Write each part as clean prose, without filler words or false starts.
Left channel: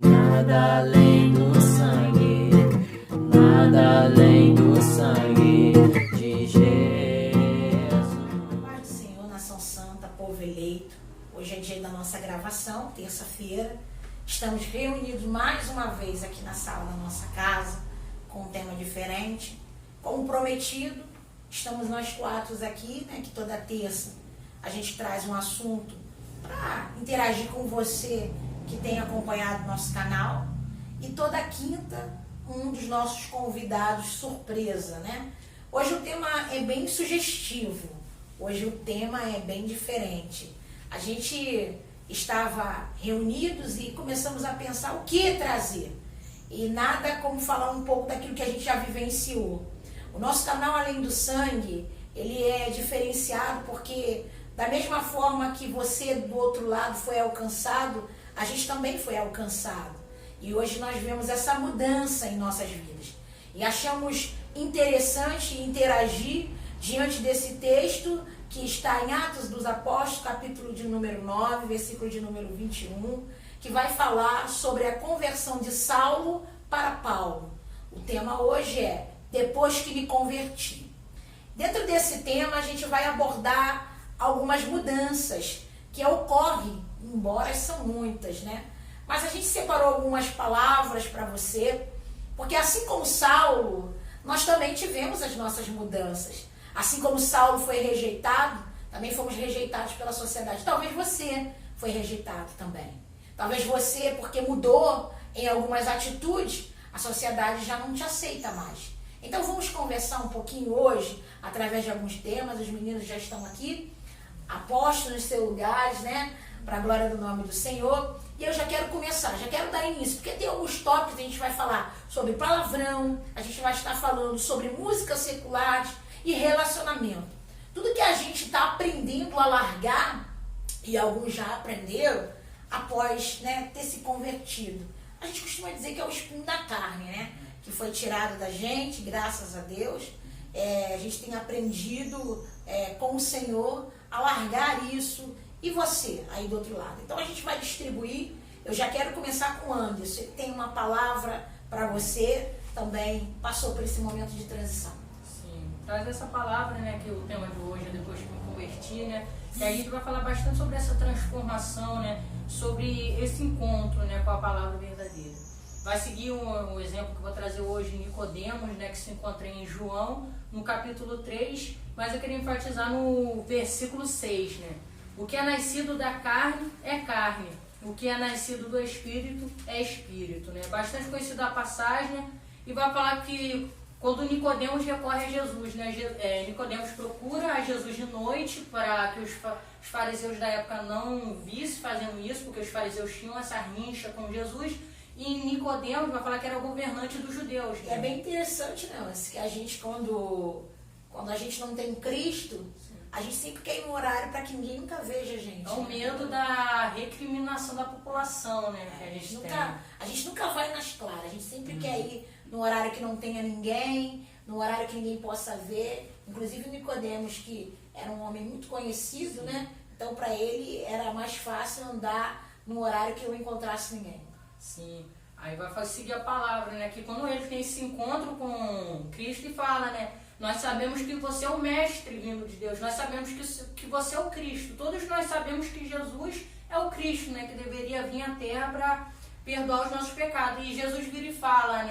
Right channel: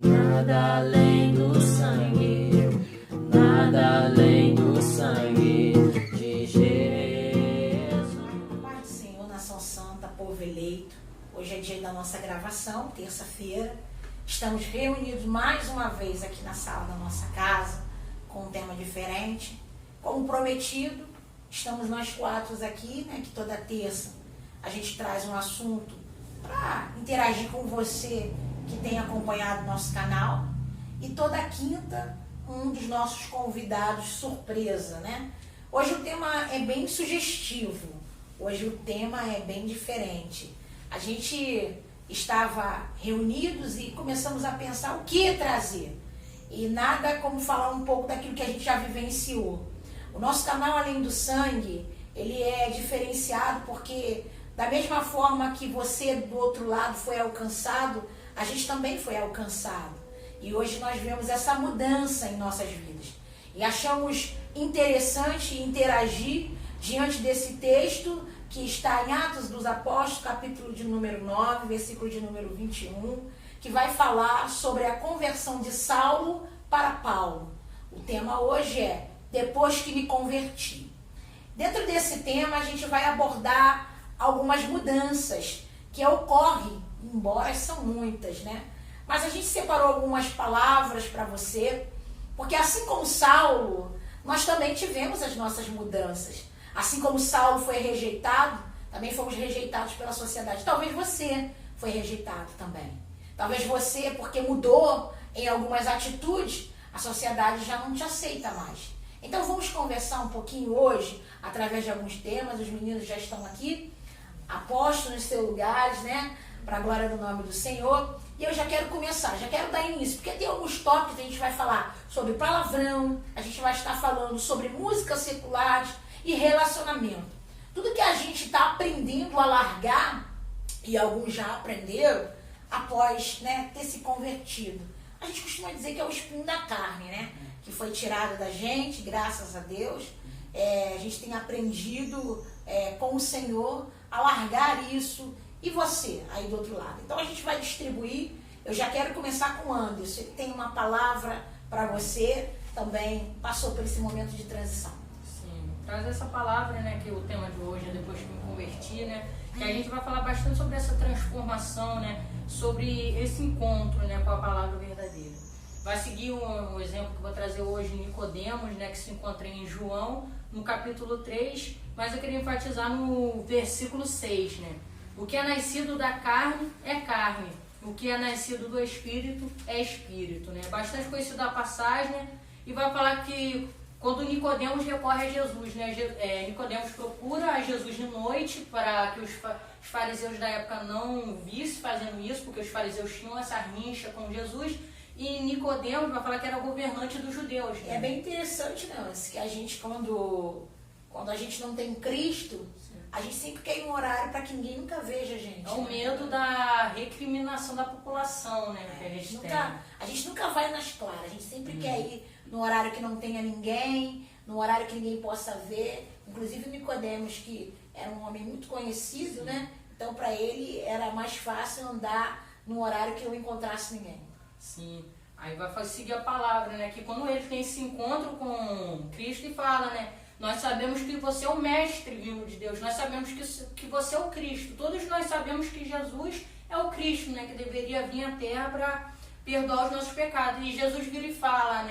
Nada além do sangue, nada além do sangue de Jesus. Pai do Senhor, nação santa, povo eleito, hoje é dia da nossa gravação, terça-feira. Estamos reunidos mais uma vez aqui na sala da nossa casa, com um tema diferente. Como prometido, estamos nós quatro aqui, que toda terça a gente traz um assunto para interagir com você que tem acompanhado nosso canal. E toda quinta, um dos nossos convidados surpresa, Hoje o tema é bem sugestivo, hoje o tema é bem diferente. A gente estava reunidos e começamos a pensar o que trazer. E nada como falar um pouco daquilo que a gente já vivenciou. O nosso canal Além do Sangue, ele é diferenciado porque da mesma forma que você do outro lado foi alcançado, a gente também foi alcançado. E hoje nós vemos essa mudança em nossas vidas. E achamos interessante interagir diante desse texto que está em Atos dos Apóstolos, capítulo de número 9, versículo de número 21, que vai falar sobre a conversão de Saulo para Paulo. O tema hoje é Depois que me converti. Dentro desse tema a gente vai abordar algumas mudanças que ocorrem, embora são muitas, Mas a gente separou algumas palavras para você, porque assim como Saulo, nós também tivemos as nossas mudanças. Assim como Saulo foi rejeitado, também fomos rejeitados pela sociedade. Talvez você foi rejeitado também. Talvez você, porque mudou em algumas atitudes, a sociedade já não te aceita mais. Então vamos conversar um pouquinho hoje, através de alguns temas. Os meninos já estão aqui, apostos nos seus lugares, para a glória do nome do Senhor. E eu já quero começar, já quero dar início, porque tem alguns tópicos, a gente vai falar sobre palavrão, a gente vai estar falando sobre músicas seculares e relacionamento. Tudo que a gente está aprendendo a largar, e alguns já aprenderam, após ter se convertido. A gente costuma dizer que é o espinho da carne, que foi tirado da gente, graças a Deus. A gente tem aprendido com o Senhor a largar isso. E você, aí do outro lado? Então a gente vai distribuir. Eu já quero começar com o Anderson. Ele tem uma palavra para você, também passou por esse momento de transição. Sim, traz essa palavra, que o tema de hoje é Depois que me converti, que a gente vai falar bastante sobre essa transformação, sobre esse encontro, com a palavra verdadeira. Vai seguir um exemplo que eu vou trazer hoje, Nicodemos, que se encontra em João, no capítulo 3, mas eu queria enfatizar no versículo 6, O que é nascido da carne é carne, o que é nascido do Espírito é Espírito, Bastante conhecida a passagem, e vai falar que quando Nicodemos recorre a Jesus, Nicodemos procura a Jesus de noite para que os fariseus da época não vissem fazendo isso, porque os fariseus tinham essa rincha com Jesus, e Nicodemos vai falar que era governante dos judeus. É bem interessante, que a gente, quando a gente não tem Cristo, a gente sempre quer ir em um horário para que ninguém nunca veja a gente. É o medo da recriminação da população, que a gente nunca vai nas claras, a gente sempre quer ir no horário que não tenha ninguém, no horário que ninguém possa ver. Inclusive Nicodemos, que era um homem muito conhecido, Então para ele era mais fácil andar num horário que eu encontrasse ninguém. Sim, aí vai seguir a palavra, que quando ele tem esse encontro com Cristo e fala, nós sabemos que você é o mestre vindo de Deus, nós sabemos que você é o Cristo, todos nós sabemos que Jesus é o Cristo, que deveria vir à terra para perdoar os nossos pecados. E Jesus vira e fala,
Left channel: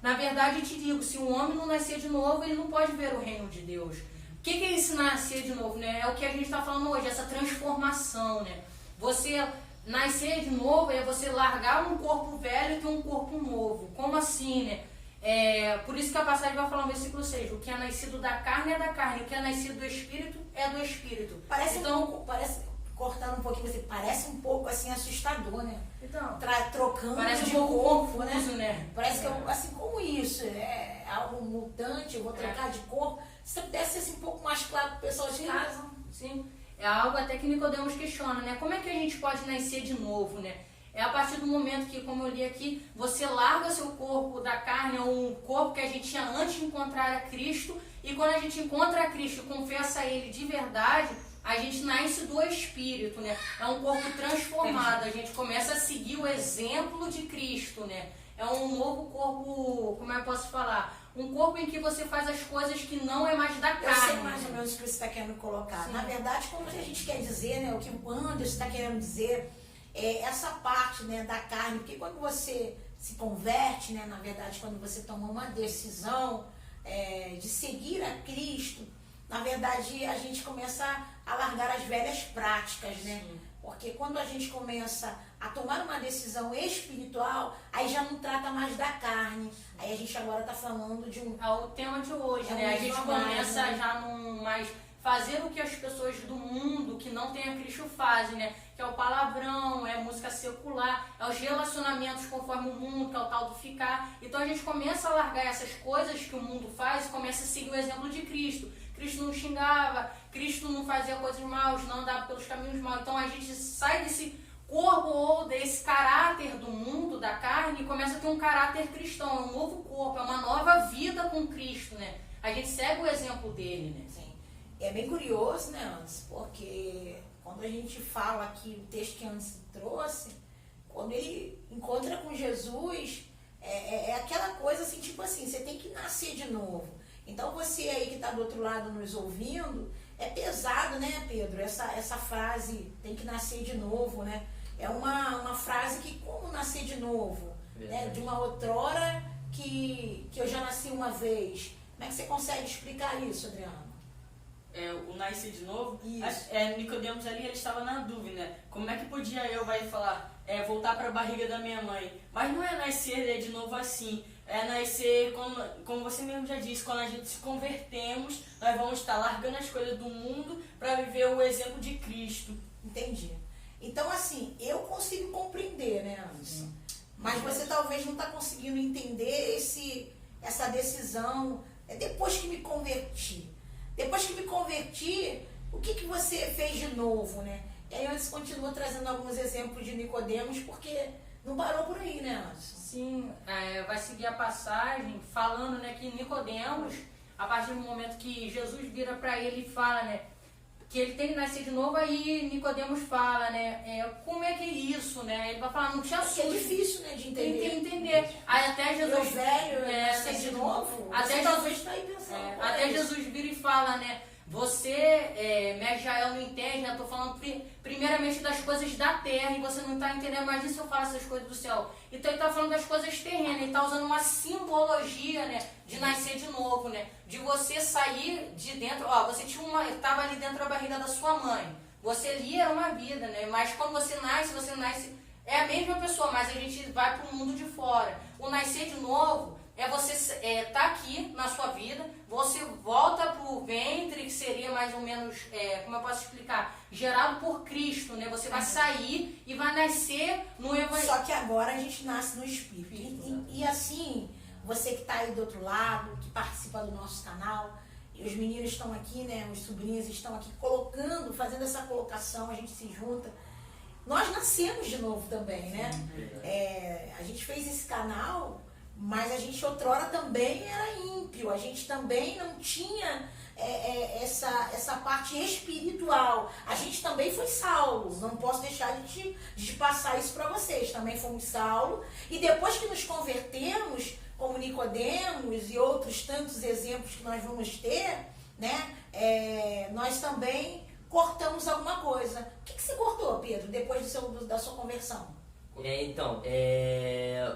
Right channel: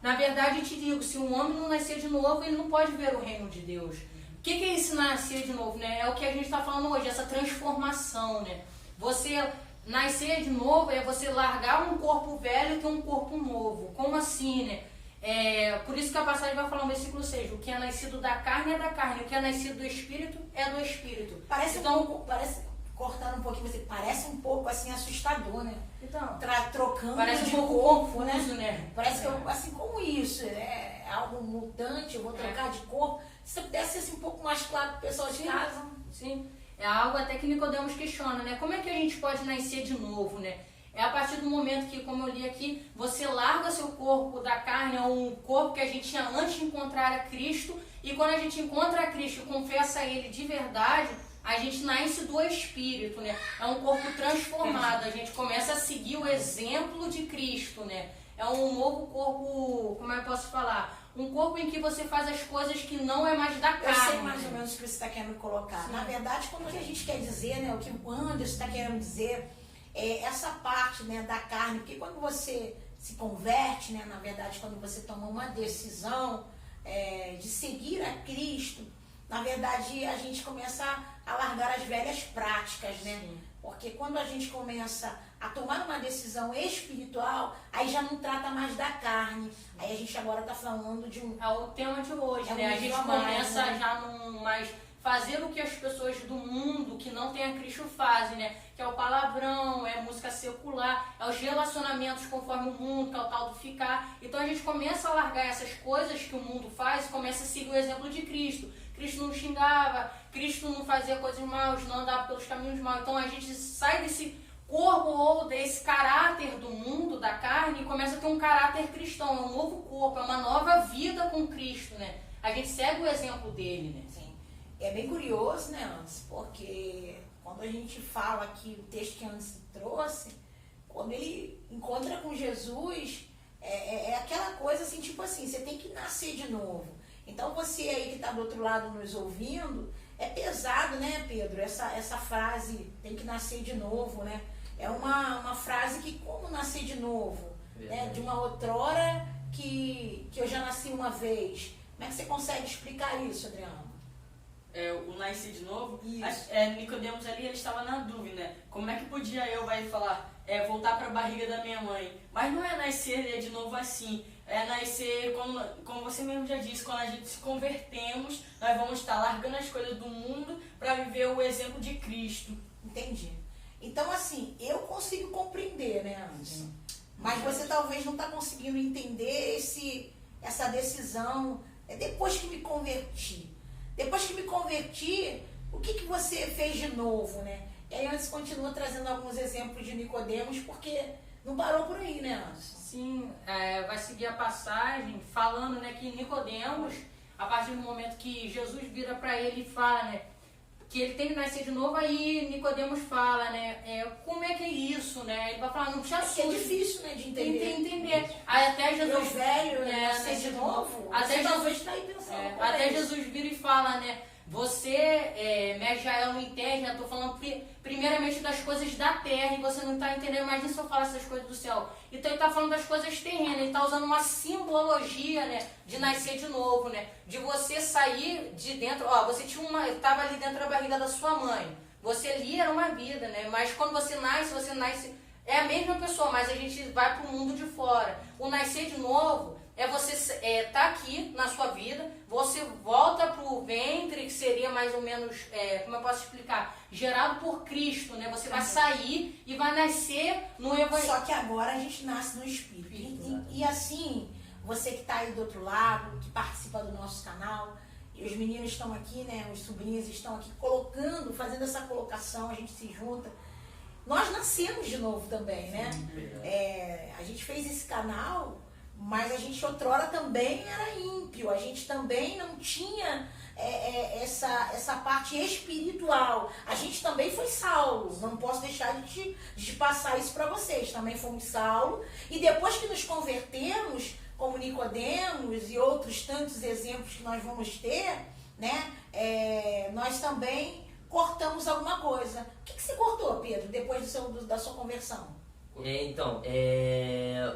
na verdade eu te digo, se um homem não nascer de novo, ele não pode ver o reino de Deus. O que é esse nascer de novo? É o que a gente está falando hoje, essa transformação, Você nascer de novo é você largar um corpo velho e ter um corpo novo. Como assim, por isso que a passagem vai falar no versículo 6, o que é nascido da carne é da carne, o que é nascido do Espírito é do Espírito. Parece cortando um pouquinho, parece um pouco assim assustador, Então, trocando parece de um pouco corpo, confuso, Parece que assim, como isso? É algo mutante, eu vou trocar de corpo. Se você pudesse ser assim, um pouco mais claro para o pessoal de casa. Sim, é algo até que Nicodemos questiona, Como é que a gente pode nascer de novo, É a partir do momento que, como eu li aqui, você larga seu corpo da carne, ou o corpo que a gente tinha antes de encontrar a Cristo, e quando a gente encontra a Cristo e confessa a Ele de verdade, a gente nasce do Espírito, né? É um corpo transformado, a gente começa a seguir o exemplo de Cristo, né? É um novo corpo, como eu posso falar? Um corpo em que você faz as coisas que não é mais da carne. Eu sei mais ou menos o que você está querendo colocar. Sim. Na verdade, como que a gente quer dizer, né? O que o Anderson está querendo dizer é essa parte, né, da carne. Porque quando você se converte, né? Na verdade, quando você toma uma decisão de seguir a Cristo, na verdade, a gente começa a largar as velhas práticas, né? Sim. Porque quando a gente começa a tomar uma decisão espiritual, aí já não trata mais da carne. Aí a gente agora está falando de um... É o tema de hoje, né? A gente começa já não mais fazer o que as pessoas do mundo que não tem a Cristo fazem, né? Que é o palavrão, é a música secular, é os relacionamentos conforme o mundo, que é o tal do ficar. Então a gente começa a largar essas coisas que o mundo faz e começa a seguir o exemplo de Cristo. Cristo não xingava, Cristo não fazia coisas maus, não andava pelos caminhos maus. Então a gente sai desse corpo ou desse caráter do mundo, da carne, e começa a ter um caráter cristão, é um novo corpo, é uma nova vida com Cristo, né? A gente segue o exemplo dele, né? Sim. É bem curioso, né, Anderson? Porque quando a gente fala aqui, o texto que Anderson trouxe, quando ele encontra com Jesus, é aquela coisa assim, tipo assim, você tem que nascer de novo. Então você aí que está do outro lado nos ouvindo, é pesado, né, Pedro? Essa frase, tem que nascer de novo, né? É uma frase que, como nascer de novo? Né? De uma outrora que eu já nasci uma vez. Como é que você consegue explicar isso, Adriano? O nascer de novo, Isso. Nicodemos ali, ele estava na dúvida, né? Como é que podia eu falar, voltar para a barriga da minha mãe? Mas não é nascer de novo assim, é nascer, como você mesmo já disse, quando a gente se convertemos, nós vamos estar largando as coisas do mundo para viver o exemplo de Cristo. Entendi. Então, assim, eu consigo compreender, né, Anderson? Mas você talvez não está conseguindo entender essa decisão depois que me converti. Depois que me converti, o que você fez de novo, né? E aí Anderson continua trazendo alguns exemplos de Nicodemos, porque não parou por aí, né, Anderson? Sim, vai seguir a passagem falando, né, que Nicodemos, a partir do momento que Jesus vira para ele e fala, né, que ele tem que nascer de novo, aí Nicodemos fala, né, como é que é isso, né? Ele vai falar, não te assuste. É difícil, né, de entender. Aí até Jesus... Meu velho, nascer de novo? Até talvez está aí pensando. até Jesus vira e fala, né, você, Israel, não entende, eu estou falando primeiramente das coisas da terra, e você não está entendendo, imagina se eu falo essas coisas do céu. Então ele está falando das coisas terrenas, ele está usando uma simbologia, né, de nascer de novo, né, de você sair de dentro, você estava ali dentro da barriga da sua mãe, você ali era uma vida, né, mas quando você nasce, é a mesma pessoa, mas a gente vai para o mundo de fora. O nascer de novo é você tá aqui na sua vida, você volta pro ventre, que seria mais ou menos, como eu posso explicar, gerado por Cristo, né? Você vai sair e vai nascer no Evangelho. Só que agora a gente nasce no Espírito. E assim, você que está aí do outro lado, que participa do nosso canal, e os meninos estão aqui, né? Os sobrinhos estão aqui fazendo essa colocação, a gente se junta. Nós nascemos de novo também, né? A gente fez esse canal, mas a gente outrora também era ímpio, a gente também não tinha essa parte espiritual. A gente também foi Saulo, não posso deixar de passar isso para vocês. Também fomos Saulo, e depois que nos convertemos, como Nicodemos e outros tantos exemplos que nós vamos ter, né? Nós também cortamos alguma coisa. O que você cortou, Pedro, depois da sua conversão? O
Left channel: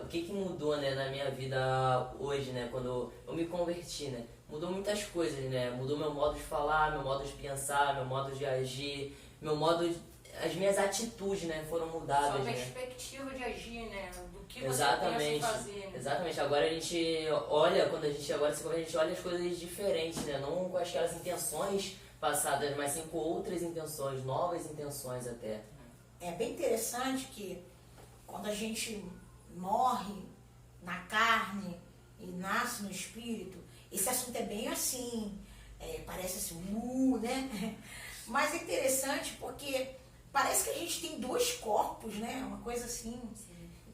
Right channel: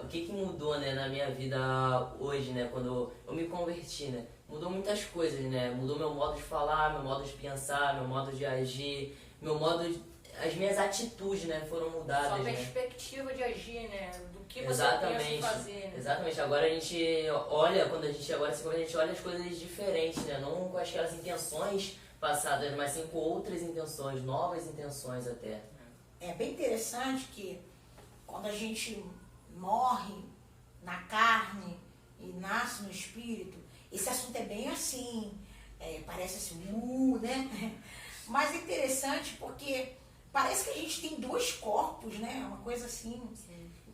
que mudou, né, na minha vida hoje, né, quando eu me converti, né? Mudou muitas coisas, né? Mudou meu modo de falar, meu modo de pensar, meu modo de agir, as minhas atitudes, né, foram mudadas. Sua né? perspectiva de agir, né? Do que você Exatamente, pensa em fazer. Né? Exatamente. Agora a gente olha, quando a gente agora se converte, a gente olha as coisas diferentes, né? Não com aquelas intenções passadas, mas sim com outras intenções, novas intenções até. É bem interessante que quando a gente morre na carne e nasce no espírito, esse assunto é bem assim, parece assim, né? Mas é interessante porque parece que a gente tem dois corpos, né? Uma coisa assim,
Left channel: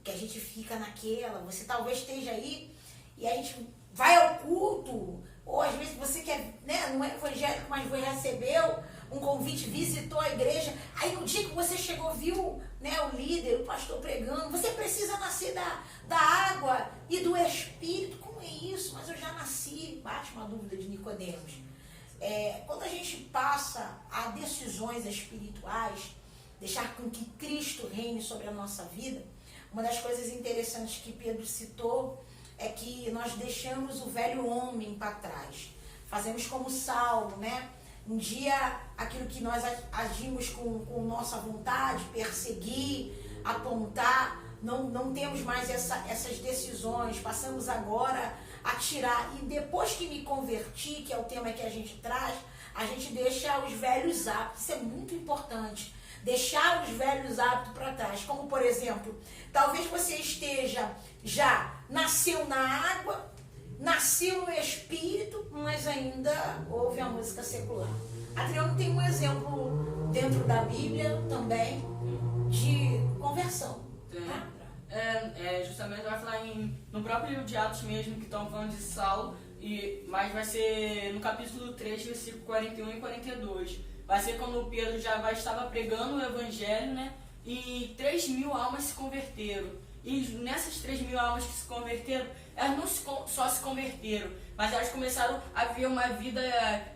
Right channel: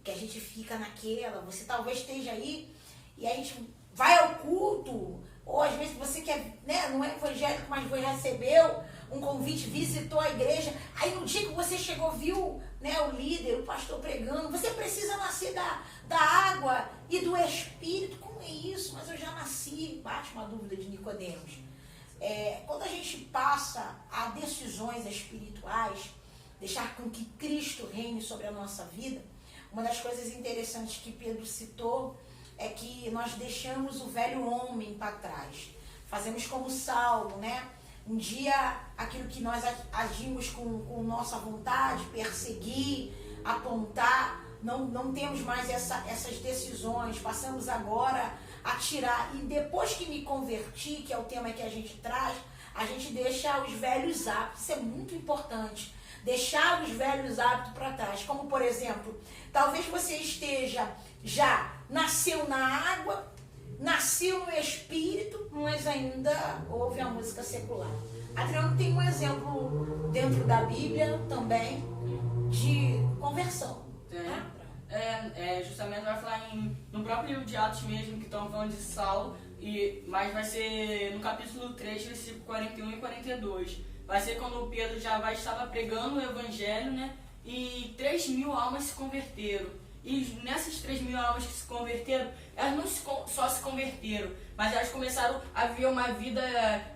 que a gente fica naquela, você talvez esteja aí e a gente vai ao culto, ou às vezes você quer, né? Não é evangélico, mas recebeu um convite, visitou a igreja, aí no dia que você chegou, viu, né, o líder, o pastor pregando, você precisa nascer da água e do Espírito. Como é isso? Mas eu já nasci. Bate uma dúvida de Nicodemos. Quando a gente passa a decisões espirituais, deixar com que Cristo reine sobre a nossa vida, uma das coisas interessantes que Pedro citou é que nós deixamos o velho homem para trás. Fazemos como Saulo, né? Um dia, aquilo que nós agimos com nossa vontade, perseguir, apontar, não temos mais essas decisões, passamos agora a tirar. E depois que me converti, que é o tema que a gente traz, a gente deixa os velhos hábitos. Isso é muito importante. Deixar os velhos hábitos para trás. Como, por exemplo, talvez você nasceu na água, nasceu no Espírito, mas ainda ouve a música secular. Adriano tem um exemplo dentro da Bíblia também de conversão. Né? Justamente vai falar no próprio livro de Atos mesmo, que estão falando de Saulo, mas vai ser no capítulo 3, versículo 41 e 42. Vai ser quando Pedro estava pregando o evangelho, né? E 3.000 almas se converteram. E nessas 3.000 almas que se converteram, elas não só se converteram, mas elas começaram a viver uma vida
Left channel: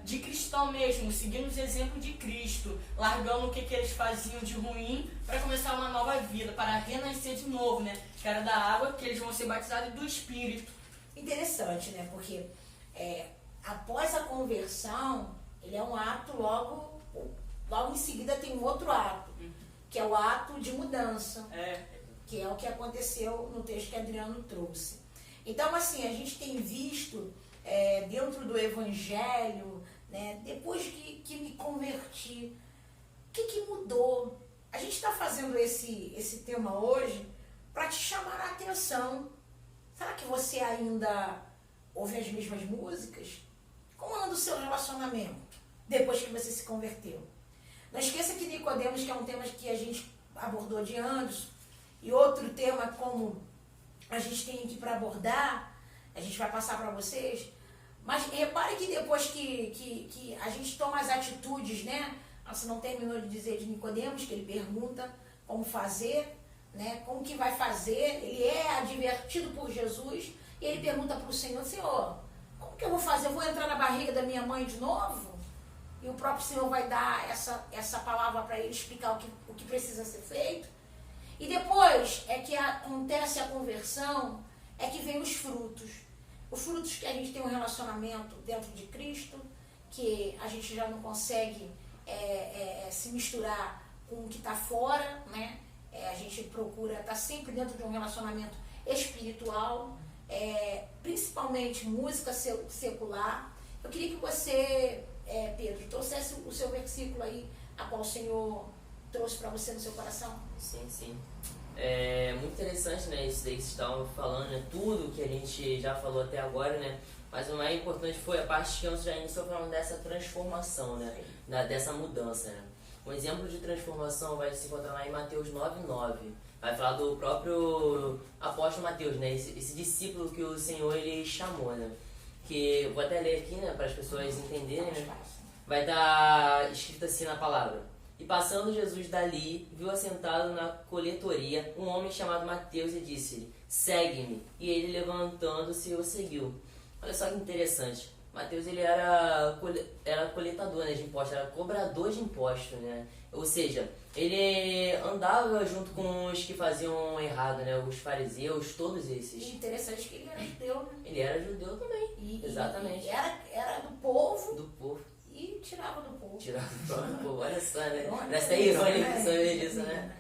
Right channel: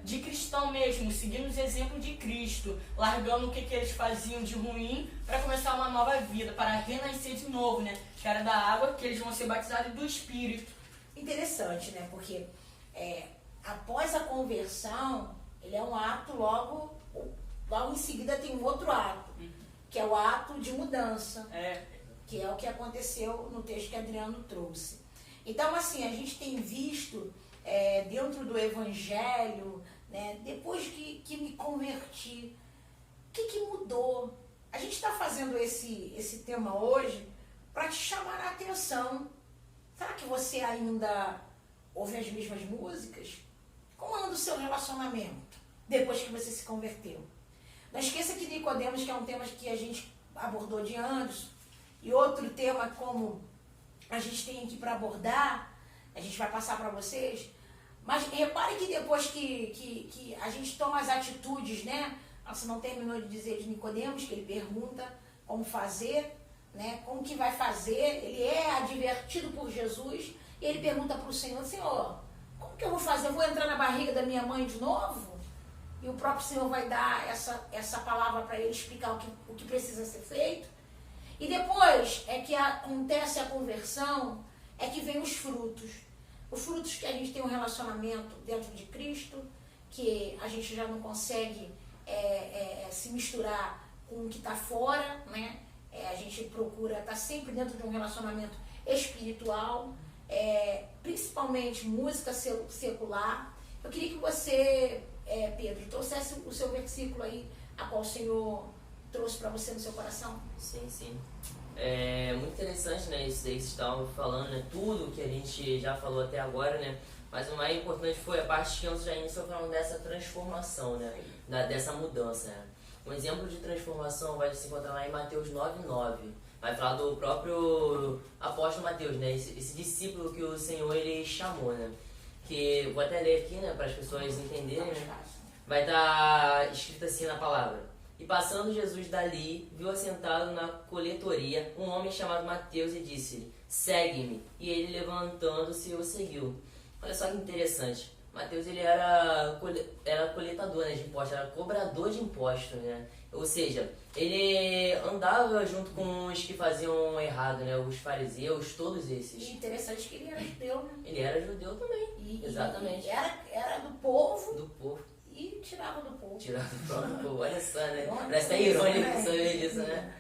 de cristão mesmo, seguindo os exemplos de Cristo, largando o que eles faziam de ruim para começar uma nova vida, para renascer de novo, né? Que era da água, que eles vão ser batizados, e do Espírito. Interessante, né? Porque após a conversão, ele é um ato, logo em seguida tem um outro ato, que é o ato de mudança. Que é o que aconteceu no texto que Adriano trouxe. Então, assim, a gente tem visto dentro do Evangelho, né, depois que me converti, o que mudou? A gente está fazendo esse tema hoje para te chamar a atenção. Será que você ainda ouve as mesmas músicas? Como anda o seu relacionamento depois que você se converteu? Não esqueça que Nicodemos, que é um tema que a gente abordou de antes, e outro tema como a gente tem aqui para abordar, a gente vai passar para vocês, mas repare que depois que a gente toma as atitudes, né? Você não terminou de dizer de Nicodemos, que ele pergunta como fazer, né? Como que vai fazer, ele é advertido por Jesus, e ele pergunta para o Senhor, Senhor, como que eu vou fazer? Eu vou entrar na barriga da minha mãe de novo? E o próprio Senhor vai dar essa palavra para ele, explicar o que precisa ser feito. E depois que acontece a conversão, que vem os frutos. Os frutos que a gente tem um relacionamento dentro de Cristo, que a gente já não consegue se misturar com o que está fora, né? A gente procura estar sempre dentro de um relacionamento espiritual, principalmente música secular. Eu queria que você, Pedro, trouxesse o seu versículo aí, a qual o Senhor trouxe para você no seu coração. Sim. É muito interessante, né, isso daí que vocês estavam falando, né, tudo que a gente já falou até agora, né, mas o mais importante foi a parte que a gente iniciou falando dessa transformação, né, dessa mudança, né. Um exemplo de transformação vai se encontrar lá em Mateus 9:9, vai falar do próprio apóstolo Mateus, né, esse discípulo que o Senhor ele chamou, né, que vou até ler aqui, né, para as pessoas entenderem, né, vai estar escrito assim na palavra. E passando Jesus dali, viu assentado na coletoria um homem chamado Mateus e disse-lhe, segue-me. E ele levantando-se o seguiu. Olha só que interessante. Mateus ele era coletador, né, de impostos, era cobrador de impostos, né? Ou seja, ele andava junto com os que faziam errado, né? Os fariseus, todos esses. E interessante que ele era judeu, né? Ele era judeu também, exatamente. Era do povo. Do povo. E tirava do povo. Tirava do povo, olha só, né? Parece até irônico saber disso, né?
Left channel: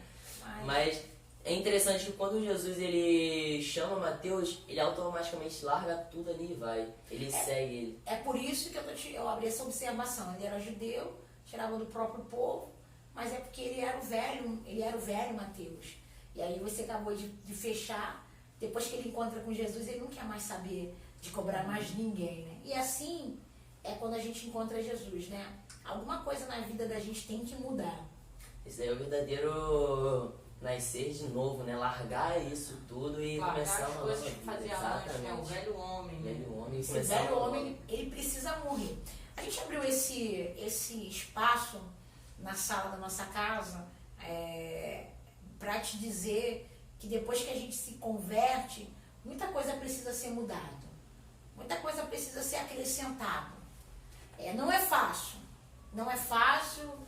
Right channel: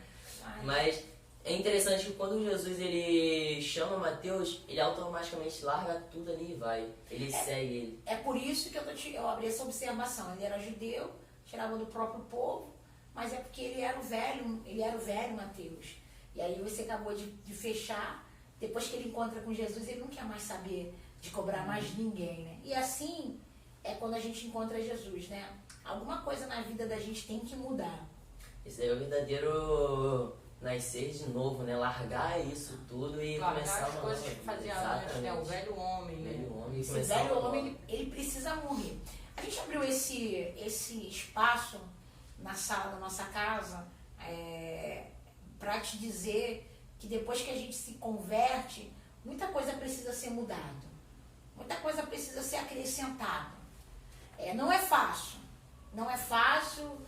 Mas é interessante que quando Jesus ele chama Mateus, ele automaticamente larga tudo ali e vai. Ele segue ele. É por isso que eu abri essa observação. Ele era judeu, tirava do próprio povo, mas é porque ele era o velho Mateus. E aí você acabou de fechar, depois que ele encontra com Jesus, ele não quer mais saber de cobrar mais ninguém, né? E assim é quando a gente encontra Jesus, né? Alguma coisa na vida da gente tem que mudar. Esse daí é o verdadeiro nascer de novo, né? Largar isso tudo e começar as coisas que fazia antes, né? O velho homem. O velho homem. Esse velho homem, ele precisa morrer. A gente abriu esse espaço na sala da nossa casa para te dizer que depois que a gente se converte, muita coisa precisa ser mudada, muita coisa precisa ser acrescentada. Não é fácil, não é fácil.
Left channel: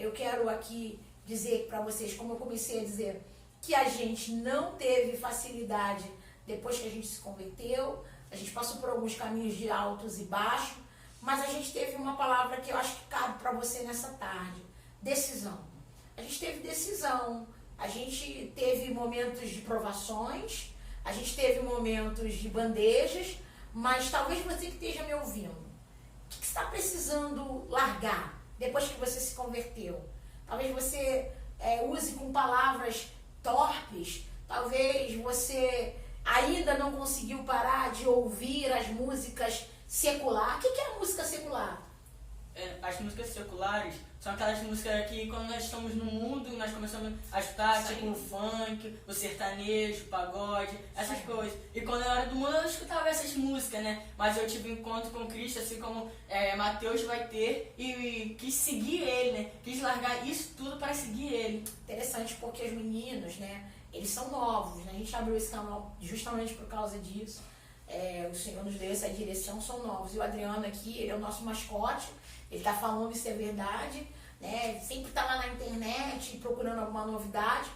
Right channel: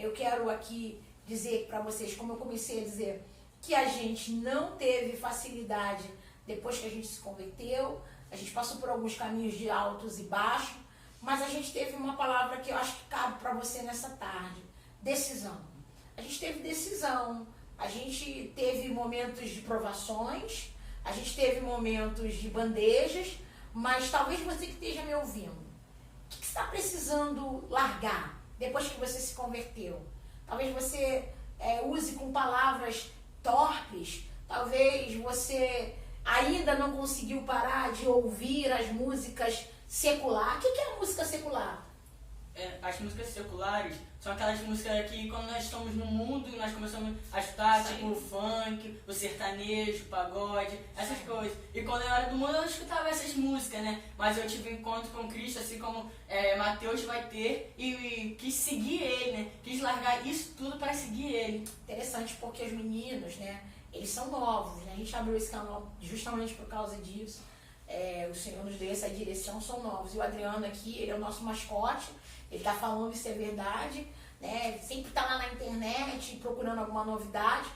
Eu quero aqui dizer para vocês, como eu comecei a dizer, que a gente não teve facilidade depois que a gente se converteu. A gente passou por alguns caminhos de altos e baixos, mas a gente teve uma palavra que eu acho que cabe para você nessa tarde: decisão. A gente teve decisão, a gente teve momentos de provações, a gente teve momentos de bandejas, mas talvez você que esteja me ouvindo, o que você está precisando largar depois que você se converteu? Talvez você use com palavras torpes, talvez você ainda não conseguiu parar de ouvir as músicas seculares. O que é a música secular? As músicas seculares são aquelas músicas que quando nós estamos no mundo, nós começamos a escutar, tipo o funk, o sertanejo, o pagode, essas coisas. E quando eu era do mundo eu escutava essas músicas, né? Mas eu tive um encontro com Cristo, assim como Mateus vai ter, e quis seguir ele, né? Quis largar isso tudo para seguir ele. Interessante, porque os meninos, né? Eles são novos, né? A gente abriu esse canal justamente por causa disso. O Senhor nos deu essa direção, são novos. E o Adriano aqui, ele é o nosso mascote. Ele está falando isso é verdade, né? Ele sempre está lá na internet procurando alguma novidade,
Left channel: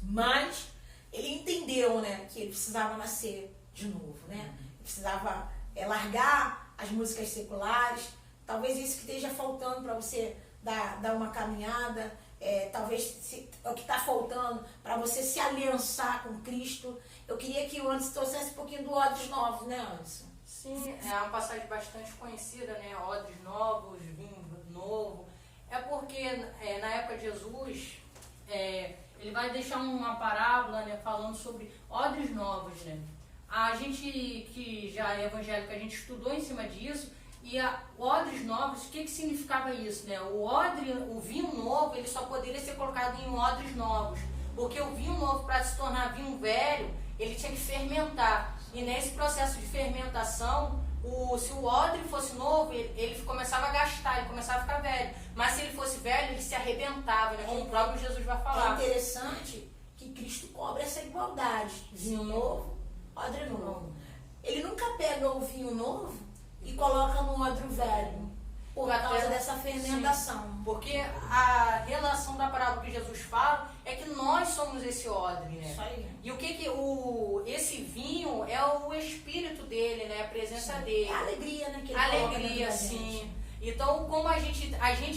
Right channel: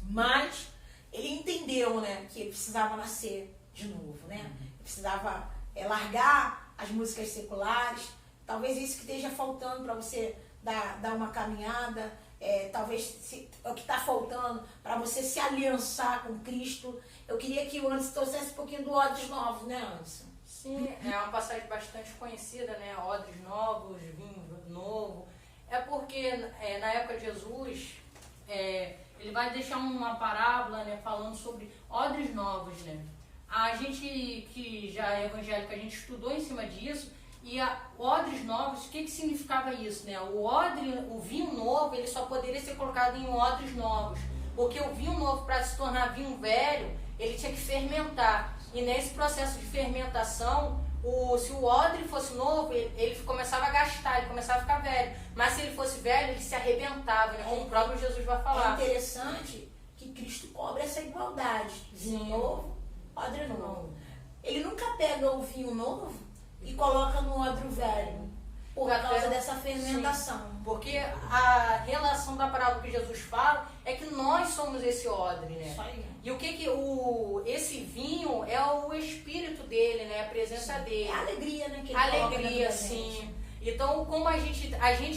mas ele entendeu, né, que ele precisava nascer de novo, né? Ele precisava largar as músicas seculares. Talvez isso que esteja faltando para você dar uma caminhada, talvez é o que está faltando para você se aliançar com Cristo. Eu queria que o Anderson trouxesse um pouquinho do Odres Novos, né, Anderson? Sim, é uma passagem bastante conhecida, né? Odres novos, vinho novo. É porque na época de Jesus, ele vai deixar uma parábola, né, falando sobre odres novos, né? A gente que já é evangélico, a gente estudou em cima disso. E odres novos, o que significava isso, né? O vinho novo, ele só poderia ser colocado em odres novos. Porque o vinho novo, para se tornar vinho velho, ele tinha que fermentar. E nesse processo de fermentação, se o odre fosse novo, ele começava a gastar, ele começava a ficar velho. Mas se ele fosse velho, ele se arrebentava, né? Como o próprio Jesus vai falar. É interessante que Cristo cobra essa igualdade. Vinho novo, odre novo. Ele nunca pega o vinho novo e coloca no odre velho, por causa dessa fermentação. Sim, porque a relação da parábola que Jesus fala é que nós somos esse odre, né? Isso aí. E o que esse vinho é o espírito dele, né? A presença dele. É a alegria, né? Que ele alegria, sim. Então, como a gente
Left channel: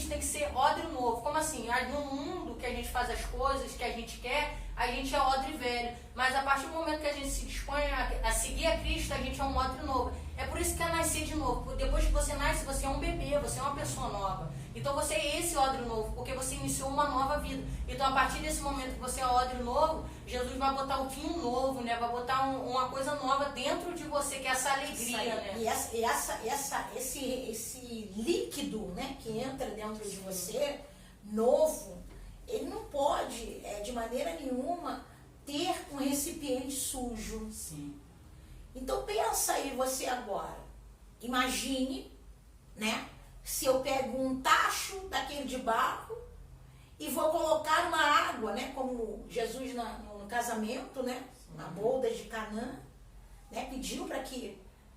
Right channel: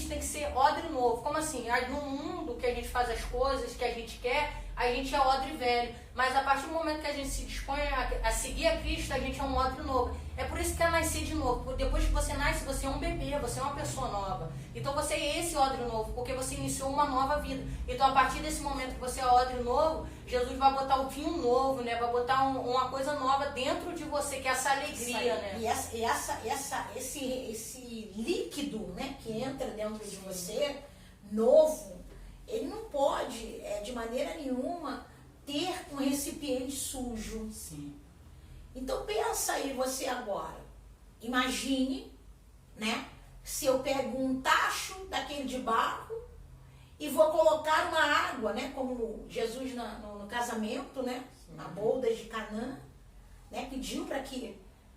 tem que ser odre novo. Como assim? No mundo que a gente faz as coisas que a gente quer, a gente é odre velho. Mas a partir do momento que a gente se dispõe a seguir a Cristo, a gente é um odre novo. É por isso que é nascer de novo. Porque depois que você nasce, você é um bebê, você é uma pessoa nova. Então você é esse odre novo, porque você iniciou uma nova vida. Então a partir desse momento que você é odre novo, Jesus vai botar o vinho novo, né? Vai botar uma coisa nova dentro de você, que é essa alegria, né? E esse líquido, né, que entra dentro de você, novo, ele não pode, de maneira nenhuma, ter um recipiente sujo. Sim. Então pensa aí você agora. Imagine, né? Se eu pego um tacho daquele de barro e vou colocar uma água, né? Como Jesus no casamento, né? Na boda de Canaã, né?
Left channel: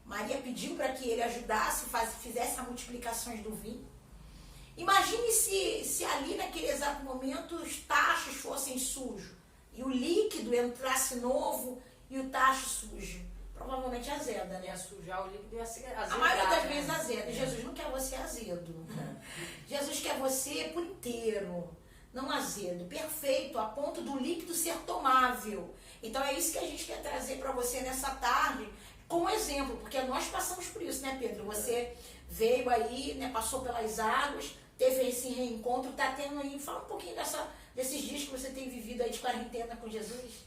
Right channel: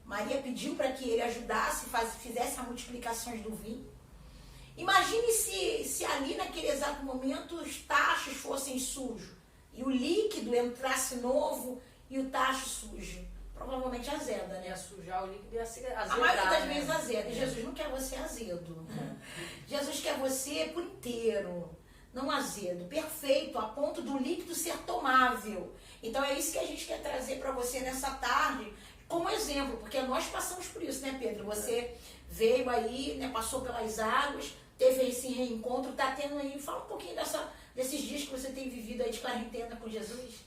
Maria pediu para que ele ajudasse, fizesse a multiplicação do vinho. Imagine se ali naquele exato momento os tachos fossem sujos e o líquido entrasse novo e o tacho sujo. Provavelmente azeda, né? Ia sujar o líquido e azedar. A maioria das vezes azeda. Jesus não quer você azedo. Jesus quer você por inteiro, não azedo, perfeito, a ponto do líquido ser tomável. Então é isso que a gente quer trazer para você nessa tarde, como exemplo, porque nós passamos por isso, né, Pedro? Você veio aí, né, passou pelas águas, teve esse reencontro, está tendo aí. Fala um pouquinho desses dias que você tem vivido aí de quarentena com Jesus.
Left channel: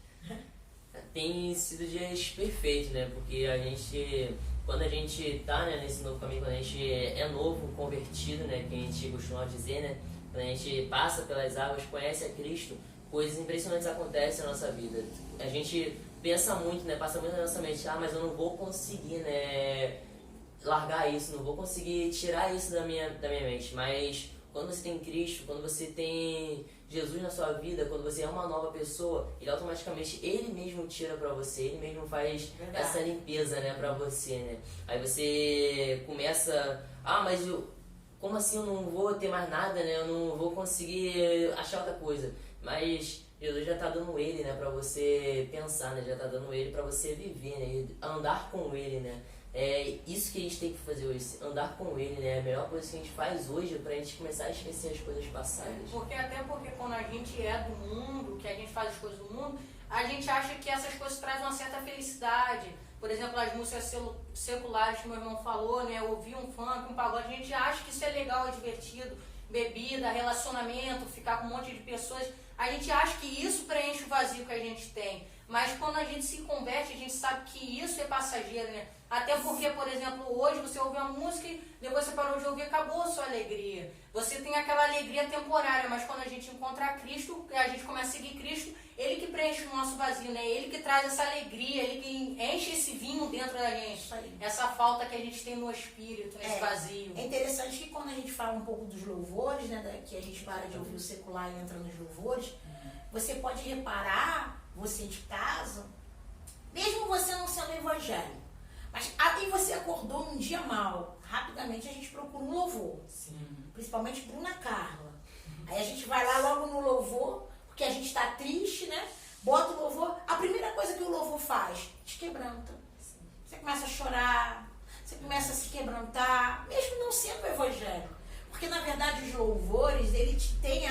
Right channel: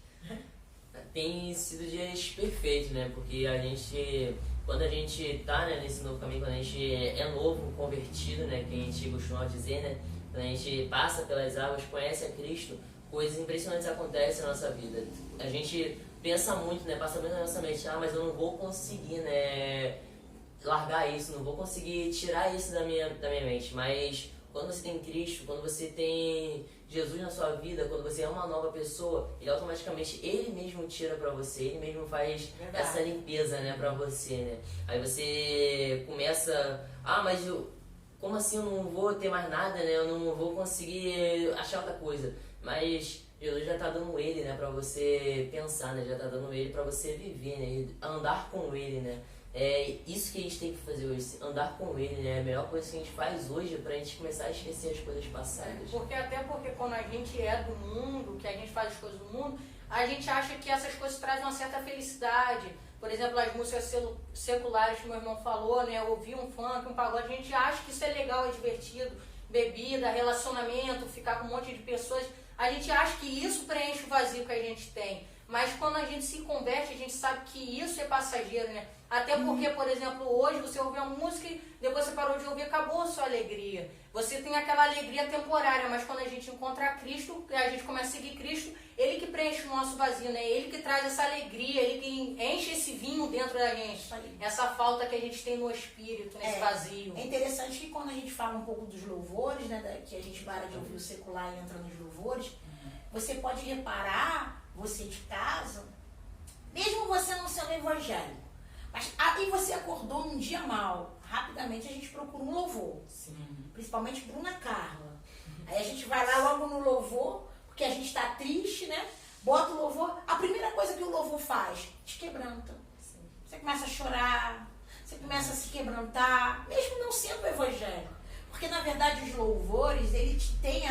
Tem sido dias perfeitos, né? Porque quando a gente tá, né, nesse novo caminho, quando a gente é novo, convertido, né? Que a gente costuma dizer, né? Quando a gente passa pelas águas, conhece a Cristo, coisas impressionantes acontecem na nossa vida. A gente pensa muito, né? Passa muito na nossa mente, mas eu não vou conseguir, né? largar isso, não vou conseguir tirar isso da minha mente. Mas quando você tem Cristo, quando você tem Jesus na sua vida, quando você é uma nova pessoa, ele automaticamente, ele mesmo tira pra você, ele mesmo faz Verdade. essa limpeza, né, pra você, né. Aí você começa, mas como assim eu não vou ter mais nada, né, eu não vou conseguir achar outra coisa. Mas Jesus já tá dando ele, né, pra você pensar, né, já tá dando ele pra você viver, né, andar com ele, né. É isso que a gente tem que fazer hoje, andar com ele, né? É a melhor coisa que a gente faz hoje pra gente começar a esquecer as coisas passadas. Porque quando a gente é do mundo, que a gente faz as coisas do mundo, a gente acha que essas coisas trazem uma certa felicidade. Por exemplo, as músicas seculares que meu irmão falou, né? Ouvir um funk, um pagode, a gente acha que isso é legal, é divertido. Bebida, relacionamento, ficar com um monte de pessoas. A gente acha que isso preenche o vazio que a gente tem. Mas quando a gente se converte, a gente sabe que isso é passageiro, né? Até porque, por exemplo, hoje você ouve uma música e depois você parou de ouvir, acabou a sua alegria. Você tem aquela alegria temporária, mas quando a gente encontra Cristo, a gente começa a seguir Cristo, Ele que preenche o nosso vazio, né? Ele que traz essa alegria, Ele que enche esse vinho dentro da gente. Essa falta que a gente tem no espírito, nesse vazio. É interessante que quando a gente fala um pouco dos louvores, né? Que a gente para de ouvir o secular e entra nos louvores, você pode reparar, você de casa, mesmo você não sendo evangélico, mas aí você acordou num dia mal, rapidamente a gente procura um louvor. Sim. Principalmente Bruna Carla. Aí a gente vai lá logo no louvor, porque a gente está triste, né? Bota o louvor. A primeira coisa que o louvor faz, te quebranta. Você começa a chorar, você começa a se quebrantar, mesmo não sendo evangélico. Porque na verdade os louvores, ele tem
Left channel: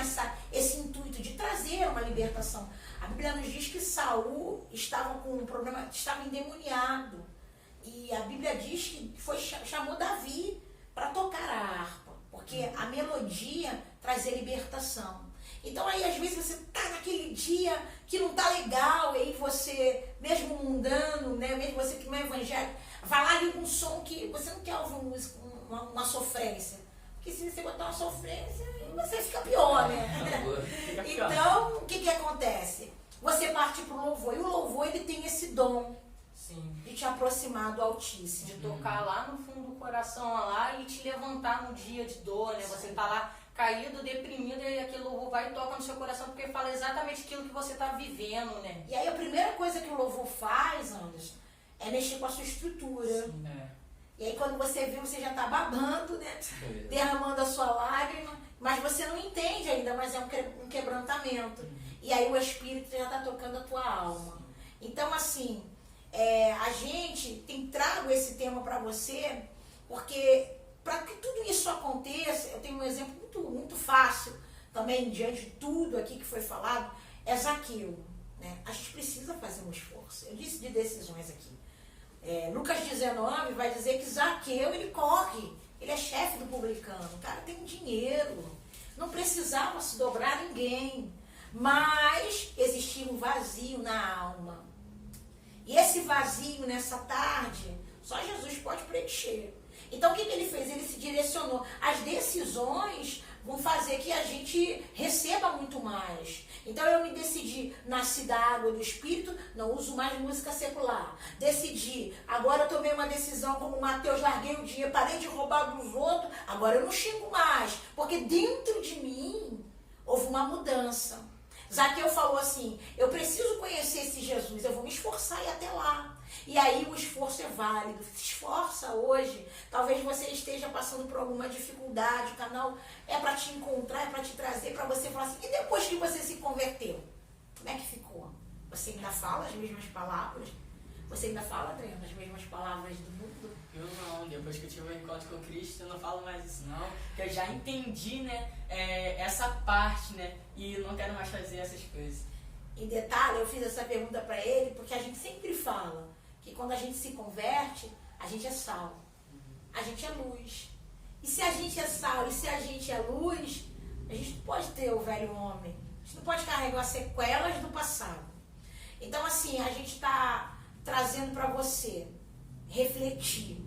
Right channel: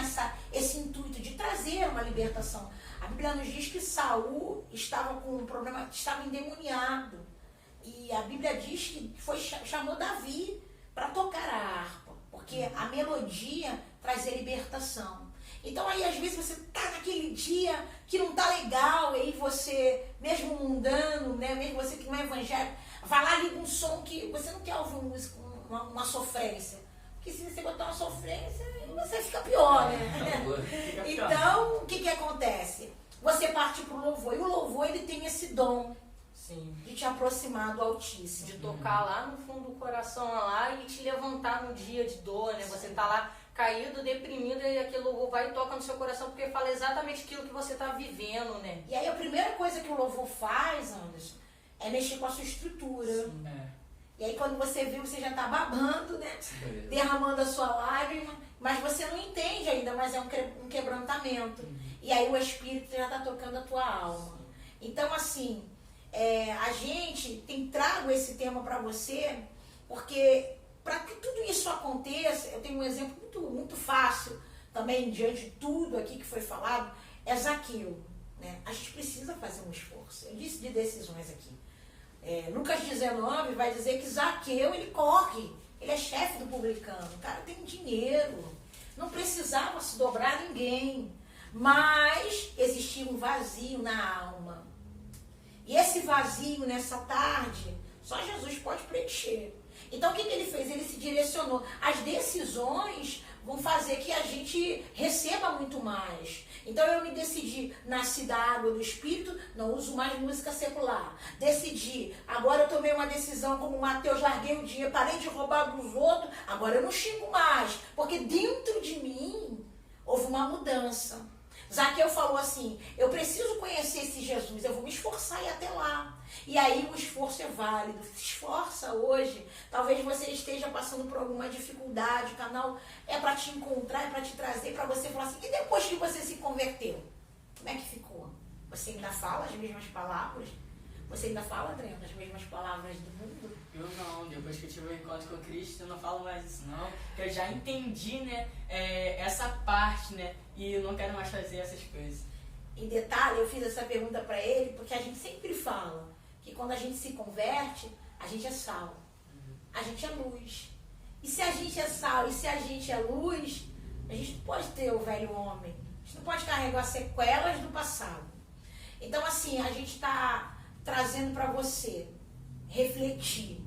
esse intuito de trazer uma libertação. A Bíblia nos diz que Saul estava com um problema, estava endemoniado. E a Bíblia diz que chamou Davi para tocar a harpa, porque a melodia trazia libertação. Então aí às vezes você está naquele dia que não está legal, e aí você, mesmo mundano, né, mesmo você que não é evangélico, vai lá e liga um som que você não quer ouvir uma sofrência. Porque se você botar uma sofrência, você fica pior, né? Fica pior. Então, o que acontece? Você parte para o louvor, e o louvor ele tem esse dom de te aproximar do Altíssimo. De tocar lá no fundo do coração lá e te levantar no dia de dor, né? Você tá lá caído, deprimido, e aquele louvor vai e toca no seu coração, porque fala exatamente aquilo que você tá vivendo, né? E aí a primeira coisa que o louvor faz, Anderson, é mexer com a sua estrutura. E aí quando você viu, você já tá babando, né? Derramando a sua lágrima, mas você não entende ainda, mas é um quebrantamento. E aí o Espírito já tá tocando a tua alma. Então, assim, a gente tem trago esse tema para você, porque para que tudo isso aconteça, eu tenho um exemplo muito fácil também, diante de tudo aqui que foi falado, é Zaqueu. Né? A gente precisa fazer um esforço. Eu disse de decisões aqui. Lucas 19 vai dizer que Zaqueu, ele corre, ele é chefe do publicano, o cara tem dinheiro, não precisava se dobrar a ninguém, mas existia um vazio na alma. E esse vazio nessa tarde, só Jesus pode preencher. Então o que ele fez? Ele se direcionou. As decisões vão fazer que a gente receba muito mais. Então eu me decidi, nasci da água do Espírito, não uso mais música secular. Decidi, agora eu tomei uma decisão como Mateus, larguei o dinheiro, parei de roubar dos outros, agora eu não xingo mais. Porque dentro de mim houve uma mudança. Zaqueu falou assim, eu preciso conhecer esse Jesus, eu vou me esforçar e ir até lá. E aí o esforço é válido, se esforça hoje. Talvez você esteja passando por alguma dificuldade, o canal é para te encontrar, é para te trazer, para você falar assim, e depois que você se converteu, como é que ficou? Você ainda fala as mesmas palavras? Você ainda fala, André, as mesmas palavras do mundo? Eu não, depois que eu tive um encontro com Cristo, eu não falo mais isso não, porque eu já entendi, né, essa parte, né, e eu não quero mais fazer essas coisas. Em detalhe, eu fiz essa pergunta para ele, porque a gente sempre fala que quando a gente se converte, a gente é sal, a gente é luz. E se a gente é sal e se a gente é luz, a gente não pode ter o velho homem, a gente não pode carregar sequelas do passado. Então, assim, a gente está trazendo para você refletir.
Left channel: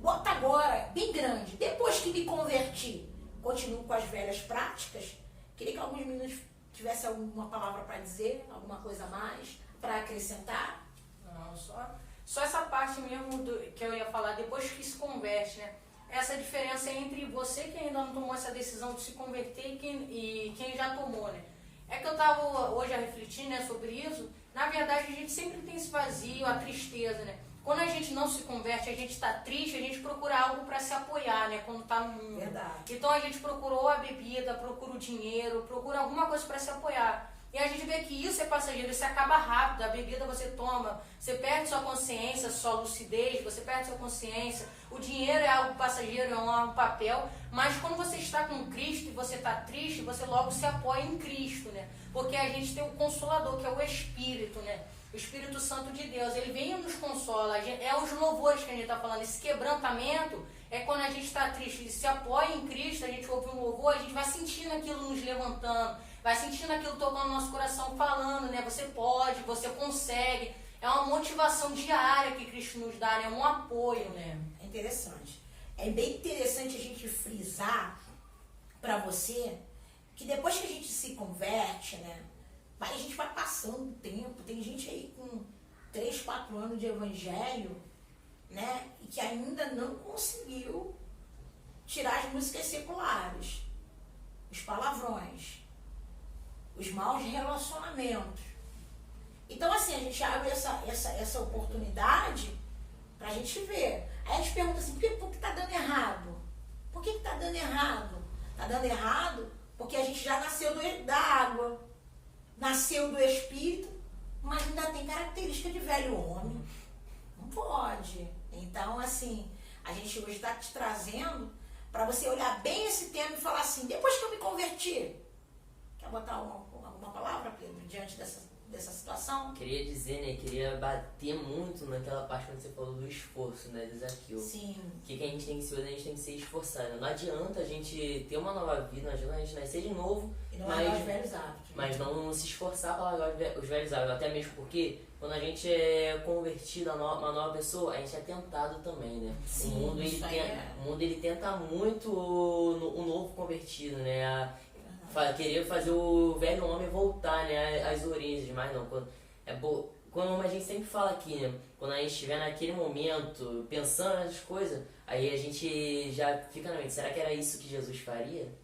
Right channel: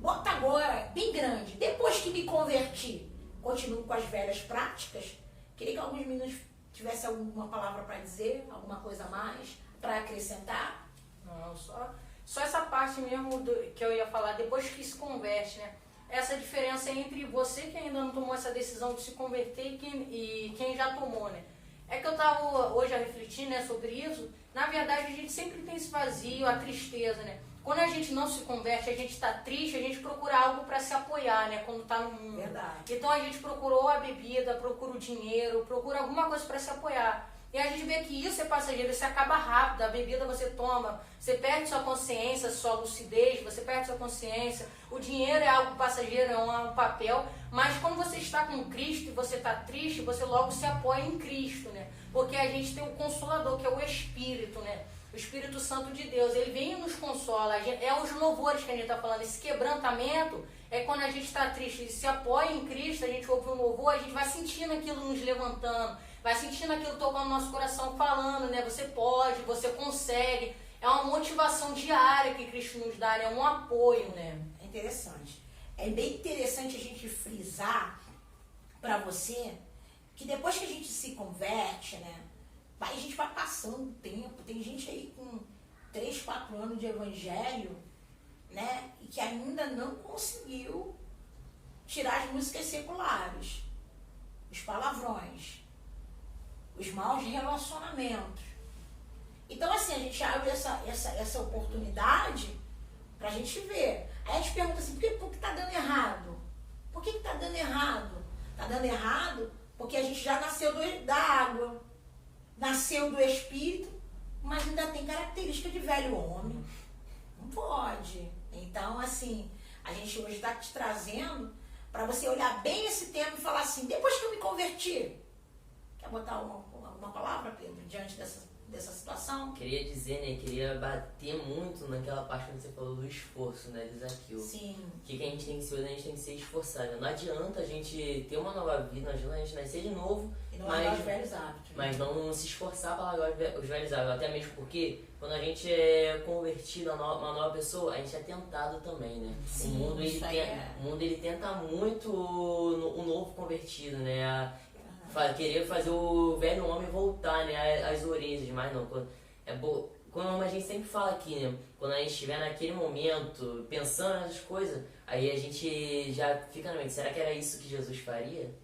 Bota agora, bem grande, depois que me converti, continuo com as velhas práticas. Queria que alguns minutos tivesse alguma palavra para dizer, alguma coisa a mais para acrescentar. Não, só Só essa parte mesmo que eu ia falar, depois que se converte, né? Essa diferença entre você que ainda não tomou essa decisão de se converter e quem já tomou, né? É que eu estava hoje a refletir, né, sobre isso. Na verdade, a gente sempre tem esse vazio, a tristeza, né? Quando a gente não se converte, a gente está triste, a gente procura algo para se apoiar, né? Quando está no mundo. Verdade. Então a gente procurou a bebida, procura o dinheiro, procura alguma coisa para se apoiar. E a gente vê que isso é passageiro, isso acaba rápido. A bebida você toma, você perde sua consciência, sua lucidez, você perde sua consciência. O dinheiro é algo passageiro, é um papel. Mas quando você está com Cristo e você está triste, você logo se apoia em Cristo, né? Porque a gente tem o Consolador, que é o Espírito, né? O Espírito Santo de Deus, ele vem e nos consola. É os louvores que a gente está falando. Esse quebrantamento é quando a gente está triste, se apoia em Cristo, a gente ouve um louvor, a gente vai sentindo aquilo nos levantando, vai sentindo aquilo tocando no nosso coração, falando, né? Você pode, você consegue. É uma motivação diária que Cristo nos dá, né? É um apoio, né? É interessante. É bem interessante a gente frisar para você que depois que a gente se converte, né? A gente vai passando o tempo. Tem gente aí com 3, 4 anos de evangelho, né? E que ainda não conseguiu tirar as músicas seculares, os palavrões, os maus relacionamentos. Então, assim, a gente abre essa oportunidade pra gente ver. Aí a gente pergunta assim, por que tá dando errado? Por que tá dando errado? Tá dando errado porque a gente já nasceu da água, nasceu do Espírito, mas ainda tem característica de velho homem. Não pode. Então, assim, a gente hoje está te trazendo para você olhar bem esse tema e falar assim, depois que eu me converti, quer botar alguma palavra, Pedro, diante dessa situação? Queria dizer, né, queria bater muito naquela parte que você falou do esforço, né, desafio. Sim. O que a gente tem que ser hoje, a gente tem que ser esforçado. Não adianta a gente ter uma nova vida, não adianta a gente nascer de novo, E não largar os velhos hábitos. mas não se esforçar para largar os velhos hábitos. Até mesmo porque quando a gente é convertido a uma nova pessoa, a gente é tentado também, né? Sim, o mundo isso aí é. o mundo ele tenta muito o novo convertido, né? Querer fazer o velho homem voltar, né, às origens, mas não. Quando a gente sempre fala aqui, né, quando a gente estiver naquele momento pensando nessas coisas, aí a gente já fica na mente, será que era isso que Jesus faria?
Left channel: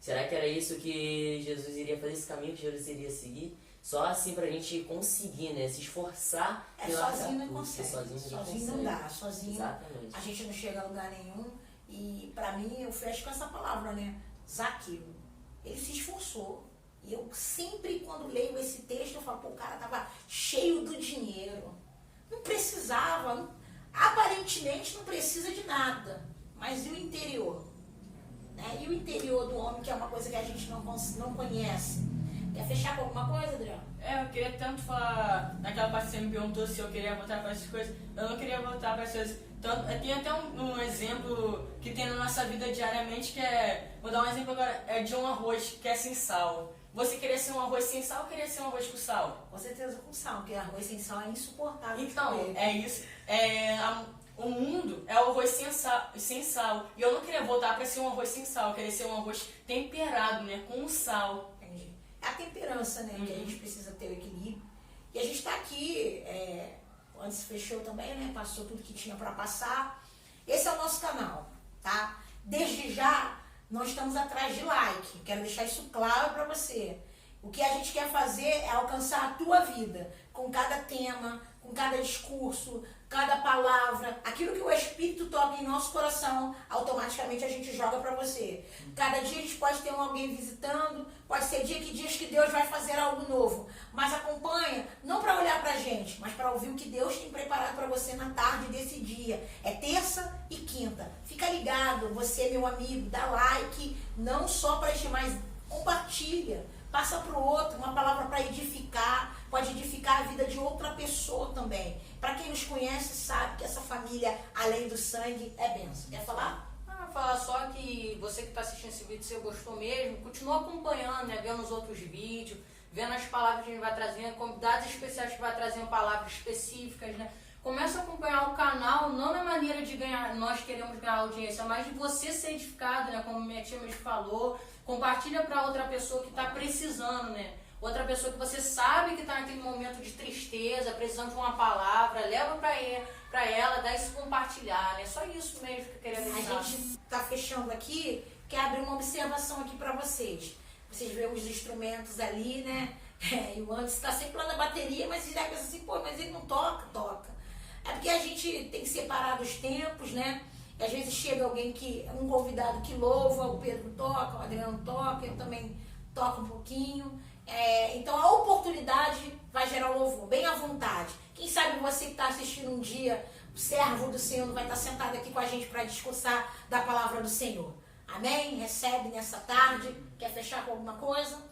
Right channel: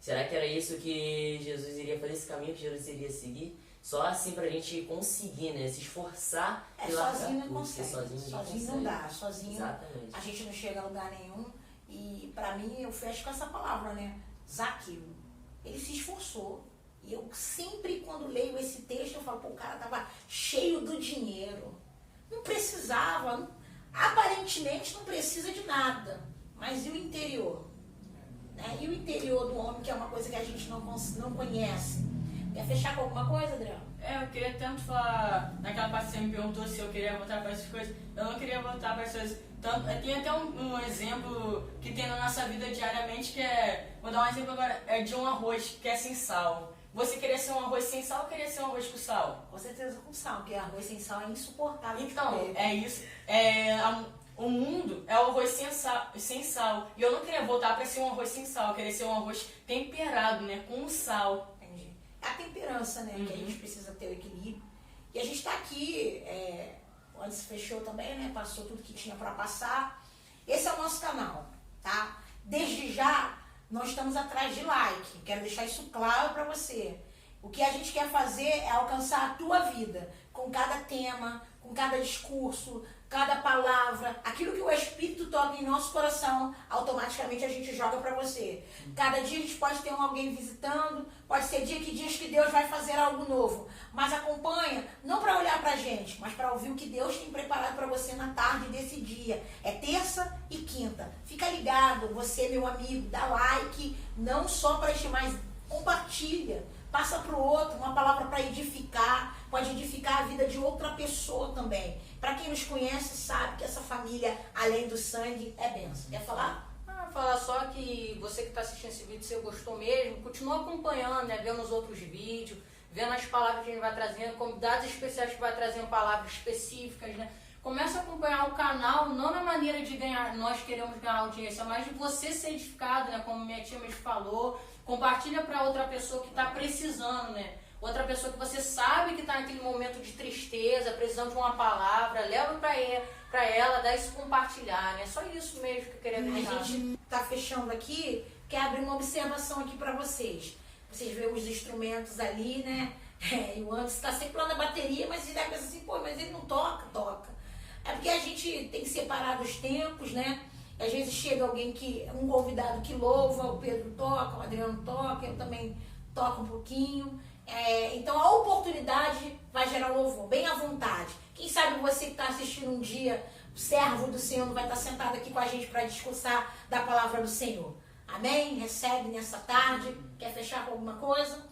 Será que era isso que Jesus iria fazer, esse caminho que Jesus iria seguir? Só assim pra gente conseguir, né, se esforçar e largar Sozinho não tudo, consegue. porque sozinho Sozinho não dá. Sozinho Exatamente. a gente não chega a lugar nenhum. E pra mim, eu fecho com essa palavra, né? Zaqueu. Ele se esforçou. E eu sempre, quando leio esse texto, eu falo, pô, o cara tava cheio do dinheiro. Não precisava. Aparentemente não precisa de nada. Mas e o interior? Né? E o interior do homem, que é uma coisa que a gente não conhece. Quer fechar com alguma coisa, Adriano? Eu queria tanto falar, naquela parte que você me perguntou se eu queria voltar para essas coisas, eu não queria voltar para essas coisas. Tem até um exemplo que tem na nossa vida diariamente, que é, vou dar um exemplo agora, é de um arroz que é sem sal. Você queria ser um arroz sem sal ou queria ser um arroz com sal? Com certeza com sal, porque arroz sem sal é insuportável. de Então, comer. é isso. O mundo é o arroz sem sal. E eu não queria voltar para ser um arroz sem sal, eu queria ser um arroz temperado, né, com sal. Entendi. A temperança, né? Que a gente precisa ter o equilíbrio. E a gente está aqui, antes fechou também, né? Passou tudo que tinha para passar. Esse é o nosso canal, tá? Desde já, nós estamos atrás de like. Quero deixar isso claro para você. O que a gente quer fazer é alcançar a tua vida, com cada tema, com cada discurso, cada palavra, aquilo que o Espírito toca em nosso coração, automaticamente a gente joga para você. Cada dia a gente pode ter alguém visitando, pode ser dias que Deus vai fazer algo novo, mas acompanha, não para olhar para a gente, mas para ouvir o que Deus tem preparado para você na tarde desse dia. É terça e quinta. Fica ligado, você, meu amigo, dá like, não só para este, mas compartilha. Passa para o outro, uma palavra para edificar, pode edificar a vida de outra pessoa também. Para quem nos conhece, sabe que essa família, além do sangue, é bênção. Quer falar? Falar só que você que está assistindo esse vídeo, se você gostou mesmo, continua acompanhando, né, vendo os outros vídeos, vendo as palavras que a gente vai trazendo, convidados especiais que vai trazendo palavras específicas, né? Começa a acompanhar o canal, não na maneira de ganhar, nós queremos ganhar audiência, mas de você ser edificado, né, como minha tia mesmo falou. Compartilha para outra pessoa que está precisando, né? outra pessoa que você sabe que está naquele momento de tristeza, precisando de uma palavra, leva para ela, dá isso compartilhar, né? Só isso mesmo que eu queria deixar. A gente está fechando aqui, quero abrir uma observação aqui para vocês. Vocês veem os instrumentos ali, né? E o Anderson está sempre lá na bateria, mas ele pensa assim, pô, mas ele não toca, toca. É porque a gente tem separado os tempos, né? E às vezes chega alguém um convidado que louva, o Pedro toca, o Adriano toca, eu também toco um pouquinho. Então a oportunidade vai gerar louvor, bem à vontade. Quem sabe você que está assistindo um dia, o servo do Senhor vai estar sentado aqui com a gente para discursar da palavra do Senhor. Amém? Recebe nessa tarde. Quer fechar com alguma coisa?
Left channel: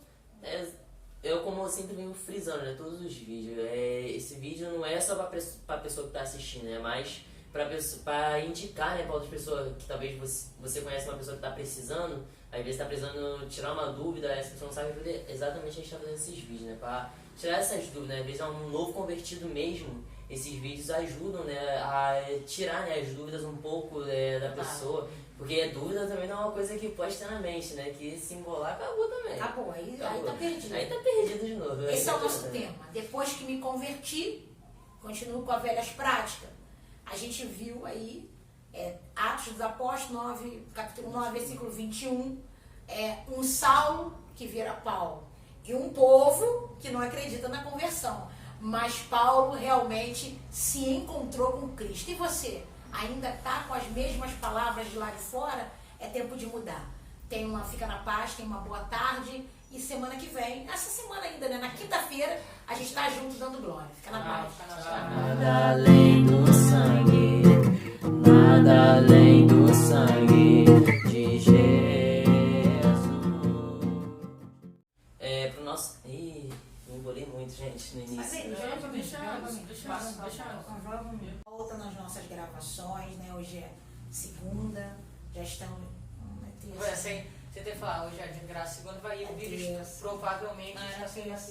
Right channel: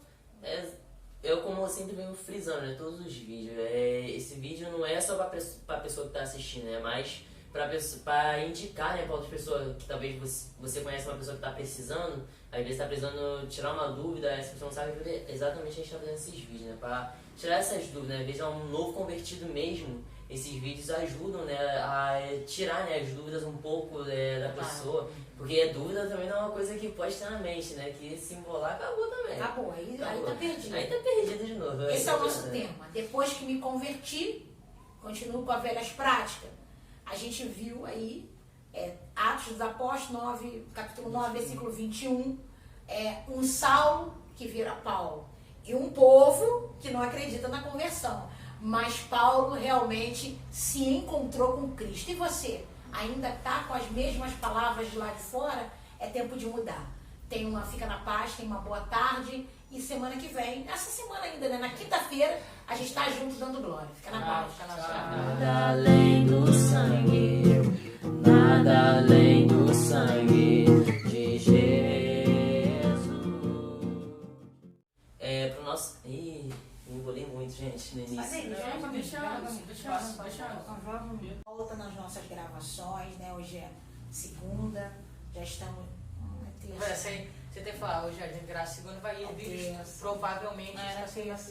Eu, como eu sempre venho frisando, né, todos os vídeos, esse vídeo não é só para a pessoa que está assistindo, é mais para indicar, né, para outras pessoas que talvez você conhece uma pessoa que está precisando, às vezes está precisando tirar uma dúvida, essa pessoa não sabe exatamente a gente está fazendo esses vídeos, né, para tirar essas dúvidas, né, às vezes é um novo convertido mesmo, esses vídeos ajudam, né, a tirar, né, as dúvidas um pouco da pessoa, porque a dúvida também não é uma coisa que pode ter na mente, né, que se embolar acabou também. Acabou, aí tá perdido. Aí tá perdido de novo. Esse é o nosso tema. Depois que me converti, continuo com as velhas práticas. A gente viu aí, Atos dos Apóstolos, capítulo 9, versículo 21, um Saulo que vira Paulo e um povo que não acredita na conversão. Mas Paulo realmente se encontrou com Cristo. E você, ainda está com as mesmas palavras de lá de fora? É tempo de mudar. Fica na paz, tenha uma boa tarde. E semana que vem, essa semana ainda, né? Na quinta-feira, a gente está junto dando glória. Fica na paz. Nada além do sangue, nada além do sangue de Jesus. Pro nosso... Ih, me embolei muito, gente, no início. Volta nas nossas gravações, né? Hoje é segunda, já estamos... Você tem que falar, hoje é de graça, segunda vai ir o vídeo, provavelmente está sendo assim.